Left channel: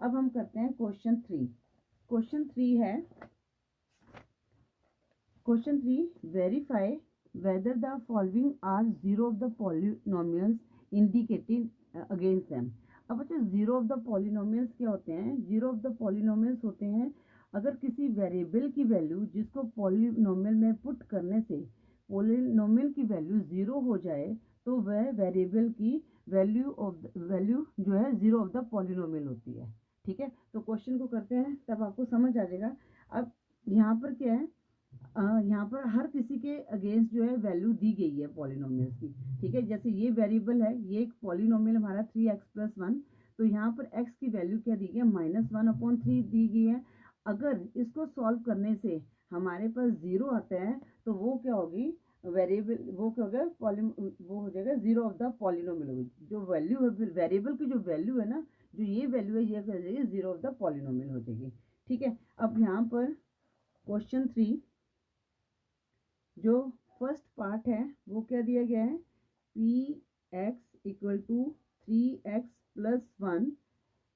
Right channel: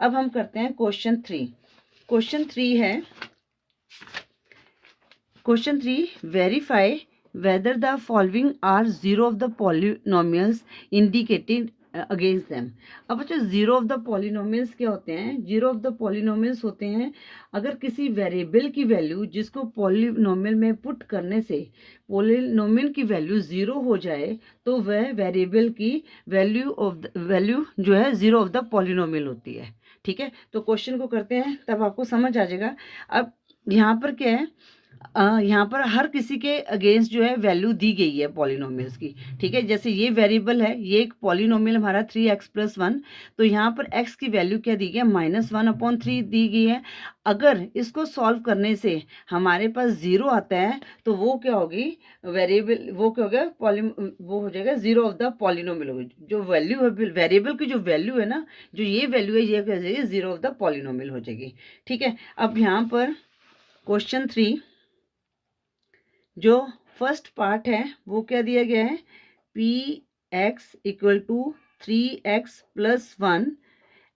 अब हम करते हैं क्वेश्चन 3। क्वेश्चन 3 है, question 3, verify whether the following are zero of the polynomials indicated against them। अब बच्चों जीरो ऑफ द पॉलिनोमियल्स क्या होते हैं? जीरो ऑफ द पॉलिनोमियल्स होते हैं अगर किसी वेरिएबल की वैल्यू जिसको पॉलिनोमियल में पुट करने से पॉलिनोमियल की वैल्यू जीरो हो जाए तो वह वेरिएबल की वैल्यू जो है जीरो ऑफ द पॉलिनोमियल होती है। ठीक है, तो क्वेश्चन को करते हैं तब आपको समझ आ जाएगा। अब यहाँ पर क्या है, यहाँ पर हर किसी के अगेंस्ट जो है वैल्यू दी गई है पॉलिनोमियल्स की। ठीक है, जैसे ये वेरिएबल है, ये एक पॉलिनोमियल हमारा 3x+1, तो यहाँ पर x की वैल्यू क्या दी गई है? -1/3 दी गई है। अगर इसको सॉल्व करने से हमारे पास जीरो आता है तो वो क्या होगी? वेरिएबल वो क्या हो गया? वो हो जाएगा जीरो ऑफ द पॉलिनोमियल होगी। जो वैल्यू है वेरिएबल की, जो वैल्यू है ना, जो ये वैल्यू है, ये क्या हो जाएगी? जीरो ऑफ द पॉलिनोमियल हो जाएगी। ठीक है, अब यहाँ पर क्वेश्चन 3 जो फर्स्ट पार्ट है वो क्या दिया गया है? P X equal to 3x+1,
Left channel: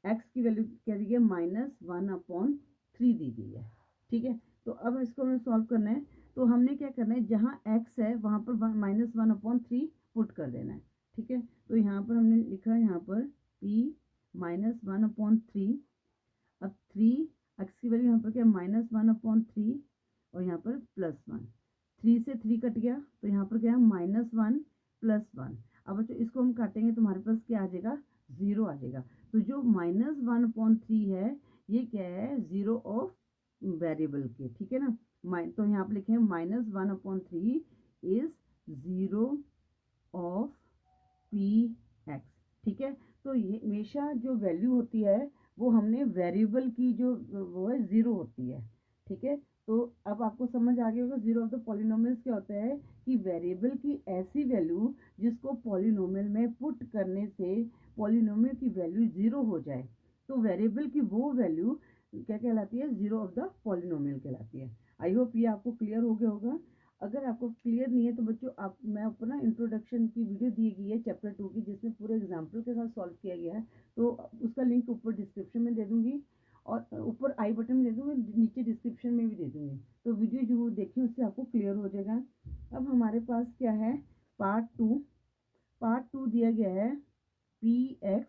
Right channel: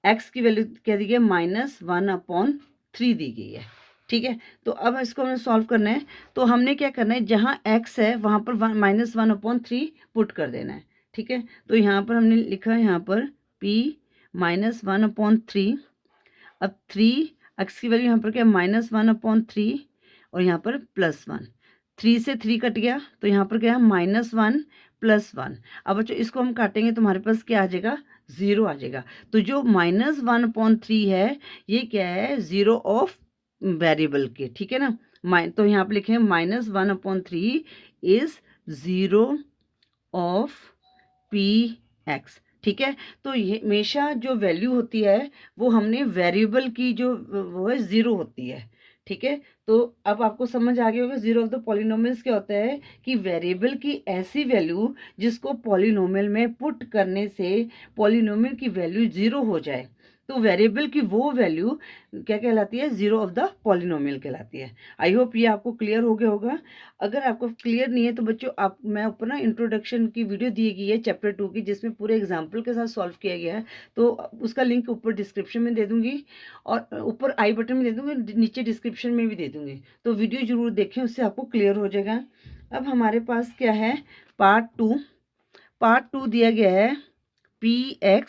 X की वैल्यू क्या दी गई है? -1/3 दी गई है। ठीक है, तो अब इसको हमें सॉल्व करना है, तो हमने क्या करना है, जहाँ x है वहाँ पर -1/3 पुट कर देना है। ठीक है, तो यहाँ पर हमने लिखा है, यहाँ पर p -1/3, अब 3 x की वैल्यू यहाँ पर क्या? -1/3 और यहाँ पर +1, 3 से 3 कट गया तो यहाँ पर क्या है? -1 +1। अब बच्चों इसको हम काटेंगे तो हमारे पास क्या आ जाएगा? जीरो आ जाएगा। तो जो -1/3 है ये क्या है? जीरो ऑफ वेरिएबल के। ठीक है ना, तो यहाँ पर लिखे -1/3 is zero of P X. ठीक है, तो ये हमेशा जो वैल्यू होती है वो हमने वेरिएबल की जो वो है जीरो होती है। ठीक है, तो अब आपको समझ आ गया होगा जीरो ऑफ द पॉलिनोमियल्स क्या होता है कि वेरिएबल की ऐसी वैल्यू जिसको पॉलिनोमियल में पुट करने से पॉलिनोमियल की वैल्यू जीरो हो जाए तो वेरिएबल की वो वैल्यू क्या कहलाती है? जीरो ऑफ द पॉलिनोमियल कहलाती है। आई होप ये आपको क्लियर हो गया होगा। अगर आपको क्लियर नहीं है तो बच्चों मैं ऊपर ना इंट्रोडक्शन की वीडियो दी गई है चैप्टर 2 की, जिसमें पूरे एग्जाम्पल के साथ सॉल्व किया गया है, तो उसका लिंक ऊपर डिस्क्रिप्शन में दे दूंगी और ऊपर आई बटन में दे दूंगी, नीचे डिस्क्रिप्शन में भी दे दूंगी, तो वीडियो जरूर देखें, उससे आपको क्लियर हो जाएगा। अब हमारे पास क्या है? पार्ट टू दिया गया है px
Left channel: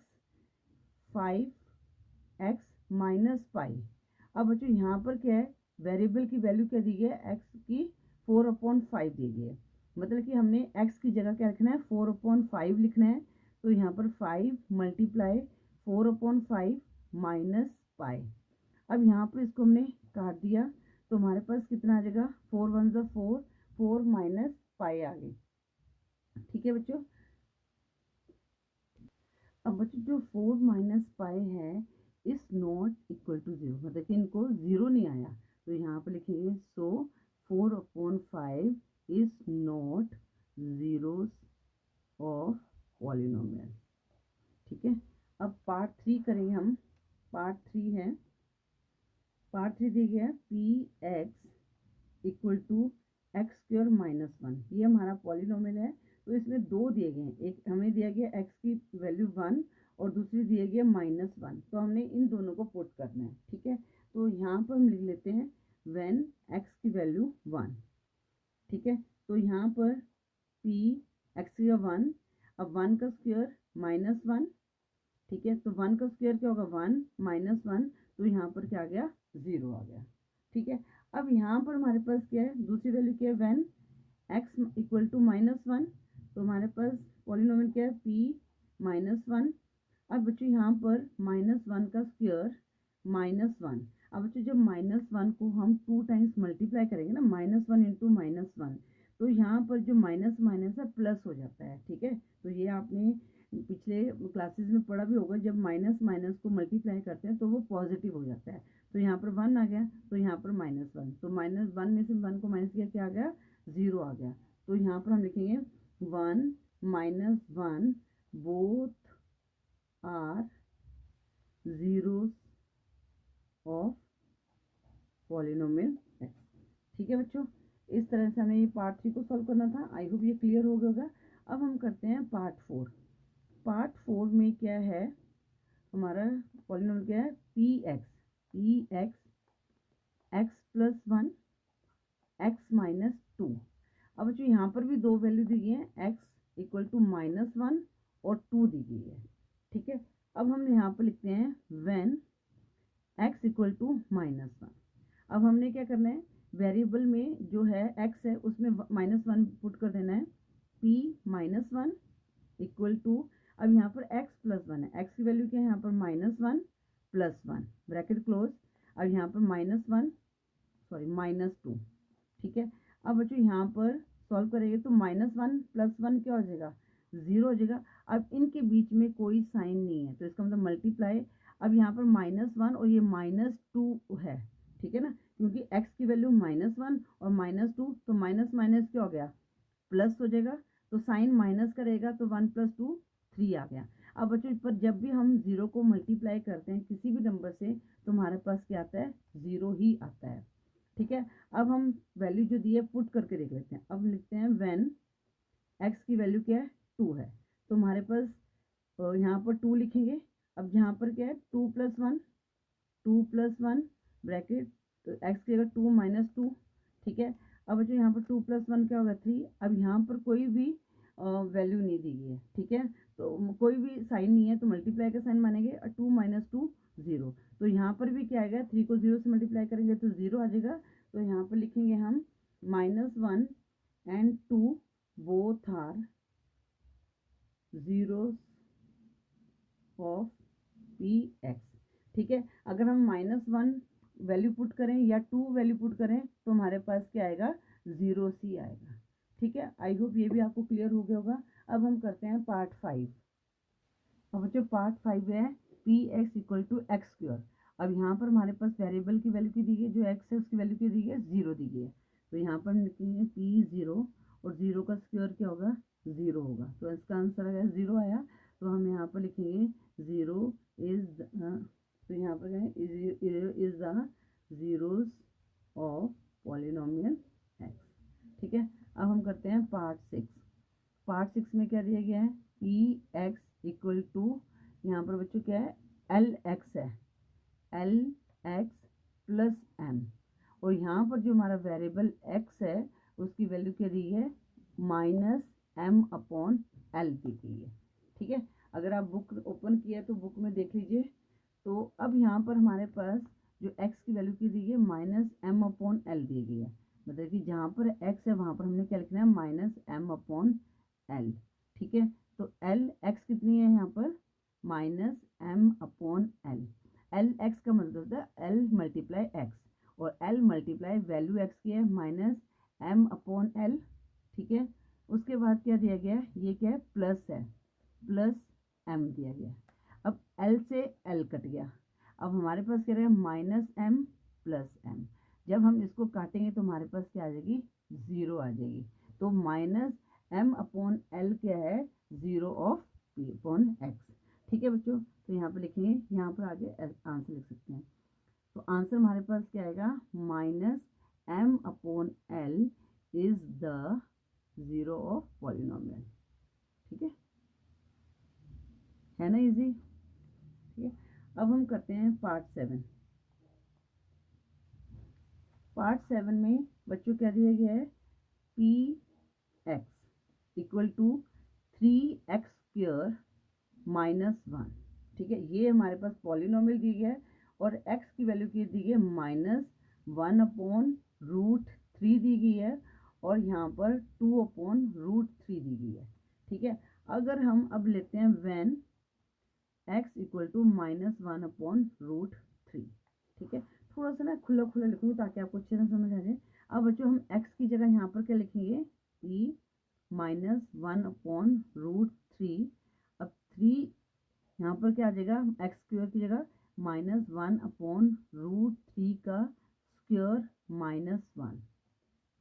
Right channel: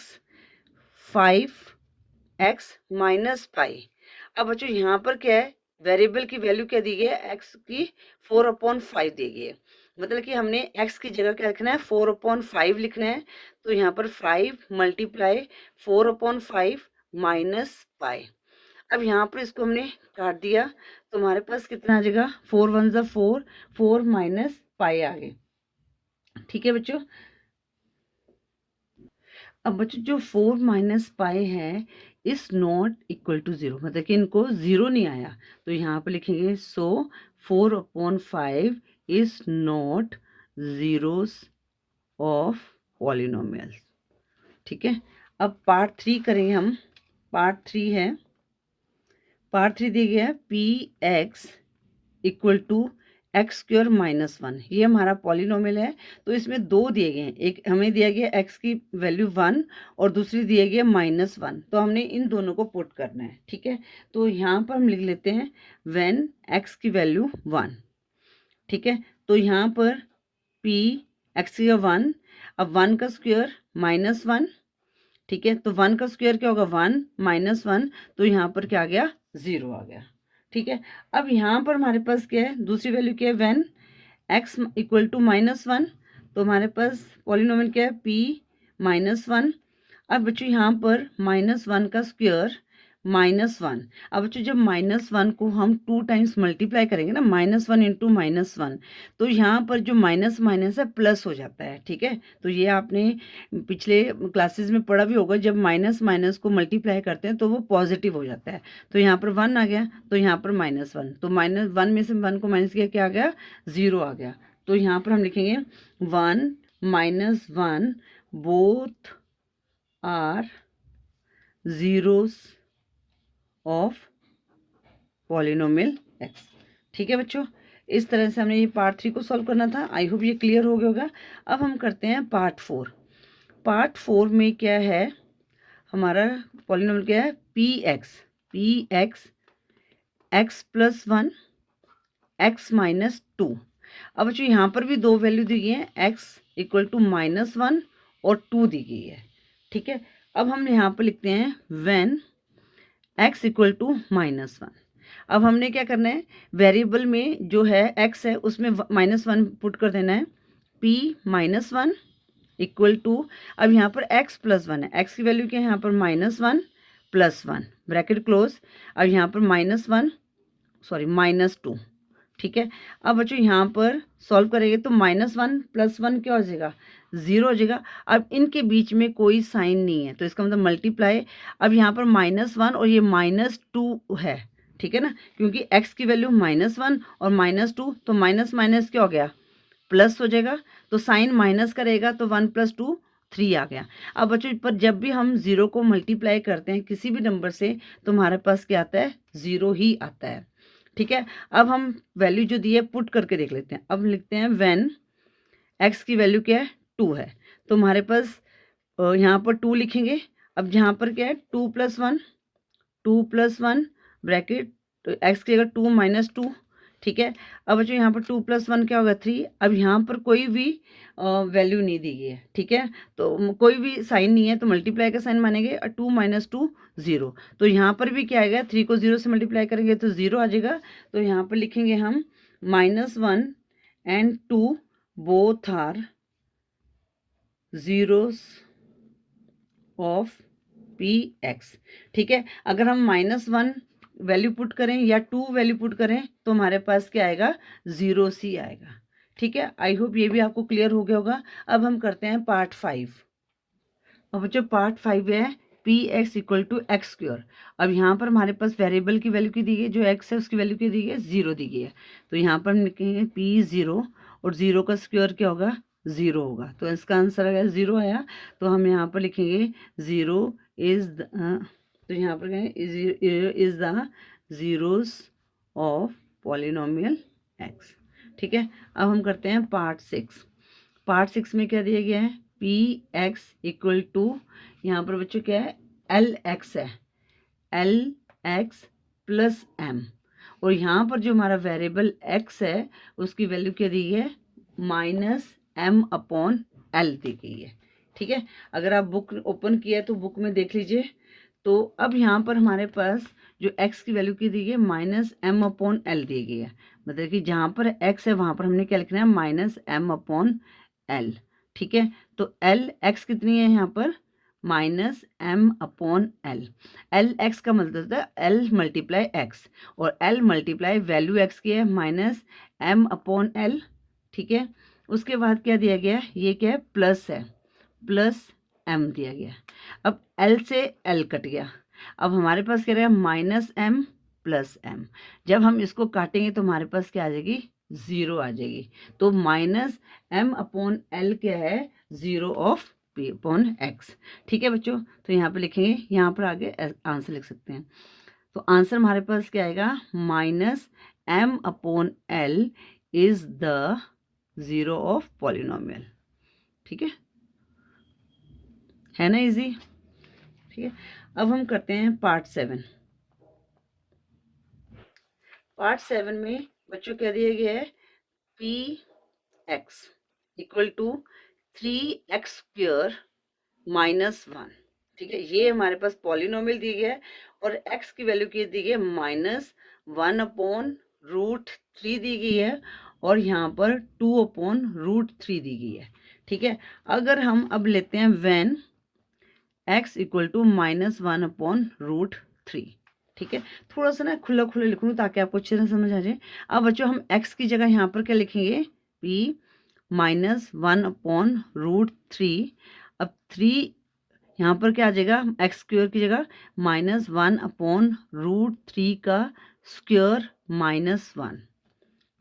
5x-π। अब बच्चों यहाँ पर क्या है? वेरिएबल की वैल्यू क्या दी गई है? x की 4/5 दी गई है। मतलब कि हमने x की जगह क्या लिखना है? 4/5 लिखना है। तो यहाँ पर 5 × 4/5 -π। अब यहाँ पर इसको हमने काट दिया तो हमारे पास कितना आ जाएगा? 4 1 ज़ा 4, 4 - π आ गए। ठीक है बच्चों, अब बच्चों जो 4 - π है is not equal to zero, मतलब कि इनको जीरो नहीं आया, तो यहाँ पर लिखेंगे सो 4/5 is not zeros of polynomial. ठीक है, अब पार्ट 3 करेंगे हम। पार्ट 3 है, पार्ट 3 दिया गया है P X equal to x² -1, ये हमारा पॉलिनोमियल है। तो इसमें दो दिए गए हैं, एक हमें दिया गया x की वैल्यू 1 और दूसरी दिया गया -1, तो हमने इन दोनों को पुट करना है। ठीक है, तो यहाँ पर हम लिख लेते हैं व्हेन x की वैल्यू 1। ठीक है, तो यहाँ पर p x की 1, अब 1 का स्क्वायर -1। ठीक है, तो 1 का स्क्वायर क्या होगा? 1 -1, तो यहाँ पर क्या आ गया? 0 आ गया। ठीक है, अब यहाँ पर हमारे पास क्या है? दूसरी वैल्यू क्या है? व्हेन x इक्वल टू -1, तो हमारे पास पॉलिनोमियल क्या है? p -1। अब बच्चों यहाँ पर -1 का स्क्वायर -1। अब बच्चों जब -1 को हम 2 टाइम्स मल्टीप्लाई करेंगे ना, -1 × -1, तो यहाँ पर जो माइनस माइनस है प्लस हो जाता है। ठीक है, तो ये आपने पिछले क्लासेस में पढ़ा भी होगा, जब माइनस माइनस को मल्टीप्लाई करते हैं तो वो पॉजिटिव हो जाता है। तो यहाँ पर 1 आ गया, तो यहाँ पर -1, तो -1 में से 1 को माइनस किया, क्या आ गया? 0 आ गया। तो यहाँ पर हम लिखेंगे 1 - 1 both are zeros of polynomial x। ठीक है बच्चों, इस तरह से हमने ये पार्ट 3 को सॉल्व करना था। आई होप ये क्लियर हो गया होगा। अब हम करते हैं पार्ट 4। पार्ट 4 में क्या है? हमारा पॉलिनोमियल क्या है, P x x plus 1 x minus 2। अब बच्चों यहाँ पर भी दो वैल्यू दी गई है, एक्स इक्वल टू -1 और 2 दी गई है। ठीक है, अब हम यहाँ पर लिखते हैं व्हेन एक्स इक्वल टू -1। अब हमने क्या करना है, वेरिएबल में जो है एक्स है उसमें -1 पुट कर देना है, p -1 इक्वल टू, अब यहाँ पर x प्लस 1 है, x की वैल्यू क्या है यहाँ पर -1 प्लस 1 ब्रैकेट क्लोज, अब यहाँ पर -2। ठीक है, अब बच्चों यहाँ पर सॉल्व करेंगे तो -1 प्लस 1 क्या हो जाएगा, 0 हो जाएगा। अब इनके बीच में कोई साइन नहीं है तो इसका मतलब मल्टीप्लाई, अब यहाँ पर -1 और ये -2 है। ठीक है ना, क्योंकि x की वैल्यू -1 और -2, तो माइनस माइनस क्या हो गया, प्लस हो जाएगा। तो साइन माइनस करेगा तो 1 + 2 3 आ गया। अब बच्चों पर जब भी हम 0 को मल्टीप्लाई करते हैं किसी भी नंबर से तो हमारे पास क्या आता है, 0 ही आता है। ठीक है, अब हम वैल्यू जो दी है पुट करके देख लेते हैं। अब लिखते हैं व्हेन x की वैल्यू क्या है, 2 है, तो हमारे पास यहाँ पर 2 लिखेंगे। अब यहाँ पर क्या है, 2 + 1 ब्रैकेट, तो x की जगह 2 - 2। ठीक है, अब बच्चों यहाँ पर 2 + 1 क्या होगा, 3। अब यहाँ पर कोई भी वैल्यू नहीं दी गई है। ठीक है, तो कोई भी साइन नहीं है तो मल्टीप्लाई का साइन मानेंगे, और 2 - 2 0। तो यहाँ पर भी क्या आएगा, 3 को 0 से मल्टीप्लाई करेंगे तो 0 आ जाएगा। तो यहाँ पर लिखेंगे हम -1 and 2 both are zeros of P X. ठीक है, अगर हम -1 वैल्यू पुट करें या 2 वैल्यू पुट करें तो हमारे पास क्या आएगा, 0 सी आएगा। ठीक है, आई होप ये भी आपको क्लियर हो गया होगा। अब हम करते हैं पार्ट 5। अब बच्चों पार्ट 5 है P X equal to X square. अब यहाँ पर हमारे पास वेरिएबल की वैल्यू की दी गई है, जो एक्स है उसकी वैल्यू की दी गई है, 0 दी गई है। तो यहाँ पर हम लिखेंगे पी 0 और 0 का स्क्वायर क्या होगा, 0 होगा। तो इसका आंसर अगर 0 आया तो हम यहाँ पर लिखेंगे 0 इज तो यहाँ पर is the zeros of polynomial x. ठीक है, अब हम करते हैं पार्ट 6। पार्ट 6 में क्या दिया गया है, पी एक्स इक्वल टू, यहाँ पर बच्चों क्या है, एल एक्स है, एल एक्स प्लस एम। और यहाँ पर जो हमारा वेरिएबल एक्स है उसकी वैल्यू क्या दी है, -m/l दी गई है। ठीक है, अगर आप बुक ओपन किया तो बुक में देख लीजिए। तो अब यहाँ पर हमारे पास जो x की वैल्यू की दी गई है -m/l दी गई है, मतलब कि जहाँ पर x है वहाँ पर हमने क्या लिखना है, -m/l। ठीक है, तो l x कितनी है यहाँ पर, -m/l। l x का मतलब होता है l × x, और l × वैल्यू x की है -m/l। ठीक है, उसके बाद क्या दिया गया है, ये क्या है, प्लस है, प्लस m दिया गया। अब l से l कट गया, अब हमारे पास क्या रहेगा, -m + m। जब हम इसको काटेंगे तो हमारे पास क्या आ जाएगी, 0 आ जाएगी। तो -m/l क्या है, 0 ऑफ p/x। ठीक है बच्चों, तो यहाँ पे लिखेंगे, यहाँ पर आगे आंसर लिख सकते हैं। तो आंसर हमारे पास क्या आएगा, -m/l is the 0 of polynomial. ठीक है ना, इजी। ठीक है, अब हम करते हैं पार्ट 7। पार्ट 7 में बच्चों क्या दिया गया है, P X equal to 3x² -1। ठीक है, ये हमारे पास पॉलिनोमियल दी गया है और x की वैल्यू की दी गई है -1/√3 दी गई है, और यहाँ पर 2/√3 दी गई है। ठीक है, अगर हम अब लेते हैं व्हेन x इक्वल टू -1/√3। ठीक है, थोड़ा सा ना खुला खुला लिखूंगी ताकि आपको अच्छे से समझ आ जाए। अब बच्चों हम x की जगह यहाँ पर क्या लिखेंगे, p -1/√3। अब 3 यहाँ पर क्या आ जाएगा, x² की जगह -1/√3 का स्क्वायर -1।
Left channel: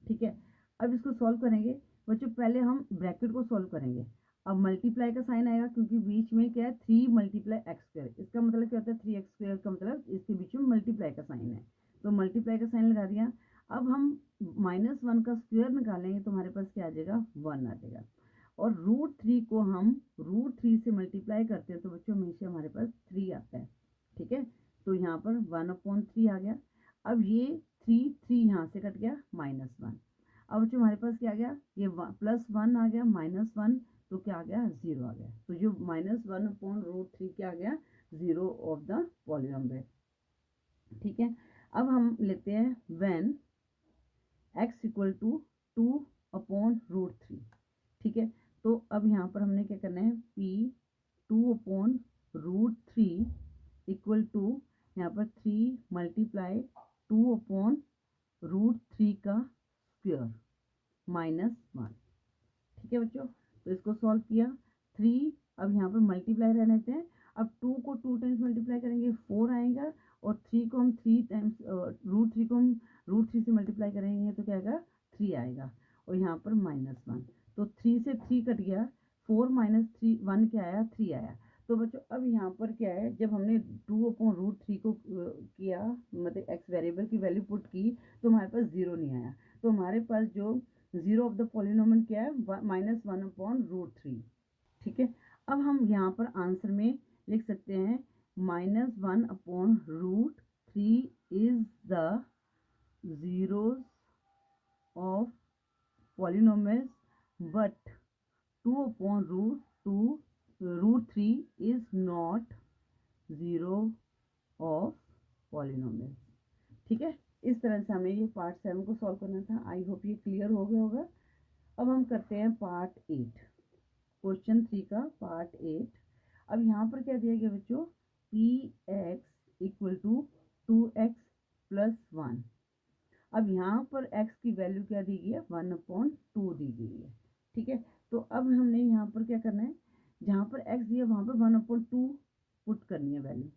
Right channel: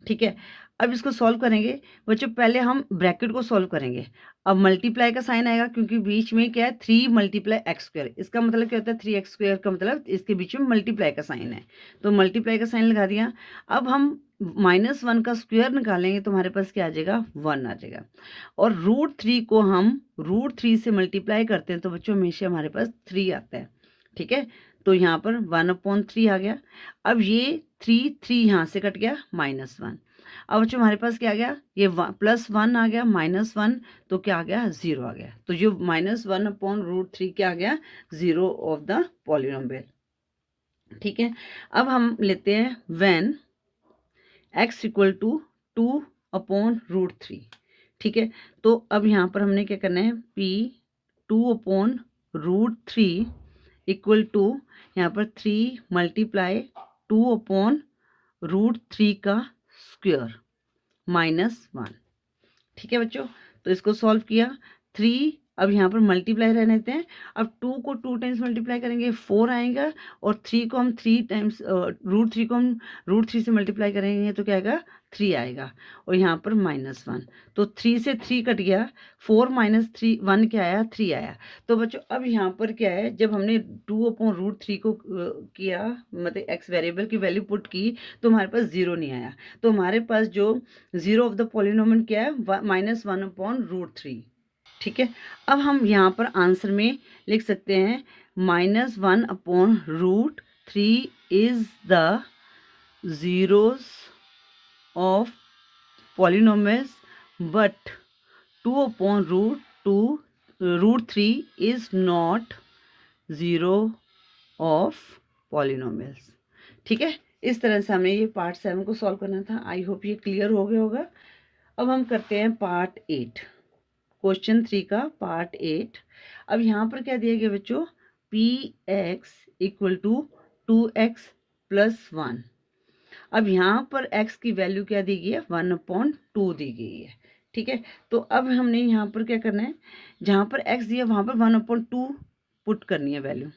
ठीक है, अब इसको सॉल्व करेंगे बच्चों, पहले हम ब्रैकेट को सॉल्व करेंगे। अब मल्टीप्लाई का साइन आएगा क्योंकि बीच में क्या है, 3 × x²। इसका मतलब क्या होता है, 3x² का मतलब इसके बीच में मल्टीप्लाई का साइन है, तो मल्टीप्लाई का साइन लगा दिया। अब हम -1 का स्क्वायर निकालेंगे तो हमारे पास क्या आ जाएगा, 1 आ जाएगा। और √3 को हम √3 से मल्टीप्लाई करते हैं तो बच्चों हमेशा हमारे पास 3 आता है, ठीक है। तो यहाँ पर 1/3 आ गया। अब ये 3 यहाँ से कट गया, -1। अब बच्चों हमारे पास क्या आ गया, ये +1 आ गया, -1 तो क्या आ गया, 0 आ गया। तो जो -1/√3 क्या आ गया, 0 ऑफ द पॉलिनोमियल, ठीक है। अब हम लेते हैं व्हेन x इक्वल टू 2/√3, ठीक है। तो अब यहाँ पर हमने क्या करना है, p 2/√3 इक्वल टू यहाँ पर 3 मल्टीप्लाई 2/√3 का स्क्वायर -1, ठीक है बच्चों। तो इसको सॉल्व किया, 3 अब यहाँ पर मल्टीप्लाई रहने देते हैं। अब 2 को 2 टाइम्स मल्टीप्लाई करेंगे 4 आएगा, और 3 को हम 3 टाइम्स √3 को हम √3 से मल्टीप्लाई करेंगे तो क्या आएगा, 3 आएगा, और यहाँ पर -1। तो 3 से 3 कट गया, 4 - 3 1 क्या आया, 3 आया। तो बच्चों अब यहाँ पर क्या है, जब हमने 2/√3 को किया, मतलब x वेरिएबल की वैल्यू पुट की, तो हमारे पास 0 नहीं आया। तो हमारे पास जो 0 ऑफ द पॉलिनोमियल क्या है, -1/√3, ठीक है। अब हम यहाँ पर आंसर में लिख सकते हैं -1/√3 is the zeros of polynomials, but 2/√3 is not zero of polynomials, ठीक है। इस तरह से हमें ये पार्ट 7 को सॉल्व करना था। आई होप ये क्लियर हो गया होगा। अब हम करते हैं पार्ट 8, क्वेश्चन 3 का पार्ट 8। अब यहाँ पर क्या दिया गया बच्चों, px इक्वल टू 2x + 1। अब यहाँ पर x की वैल्यू क्या दी गई है, 1/2 दी गई है, ठीक है। तो अब हमने यहाँ पर क्या करना है, जहाँ पर x दिया वहाँ पर 1/2 पुट करनी है वैल्यू।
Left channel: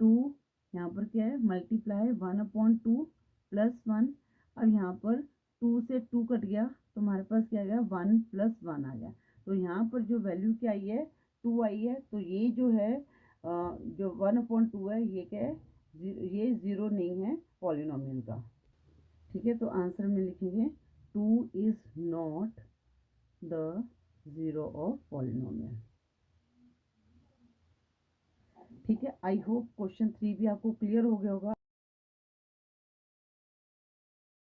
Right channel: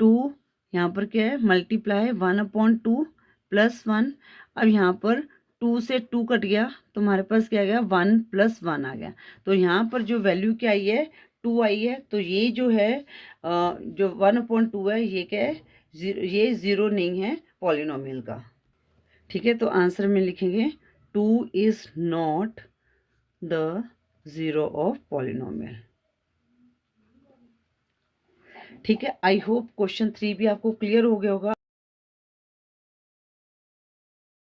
2 यहाँ पर क्या है, मल्टीप्लाई 1/2 + 1। अब यहाँ पर 2 से 2 कट गया तो हमारे पास क्या आ गया, 1 + 1 आ गया। तो यहाँ पर जो वैल्यू क्या आई है, 2 आई है। तो ये जो है जो 1/2 है, ये क्या है, ये 0 नहीं है पॉलिनोमियल का, ठीक है। तो आंसर में लिखेंगे 2 is not the 0 of polynomial, ठीक है। आई होप क्वेश्चन 3 भी आपको क्लियर हो गया होगा।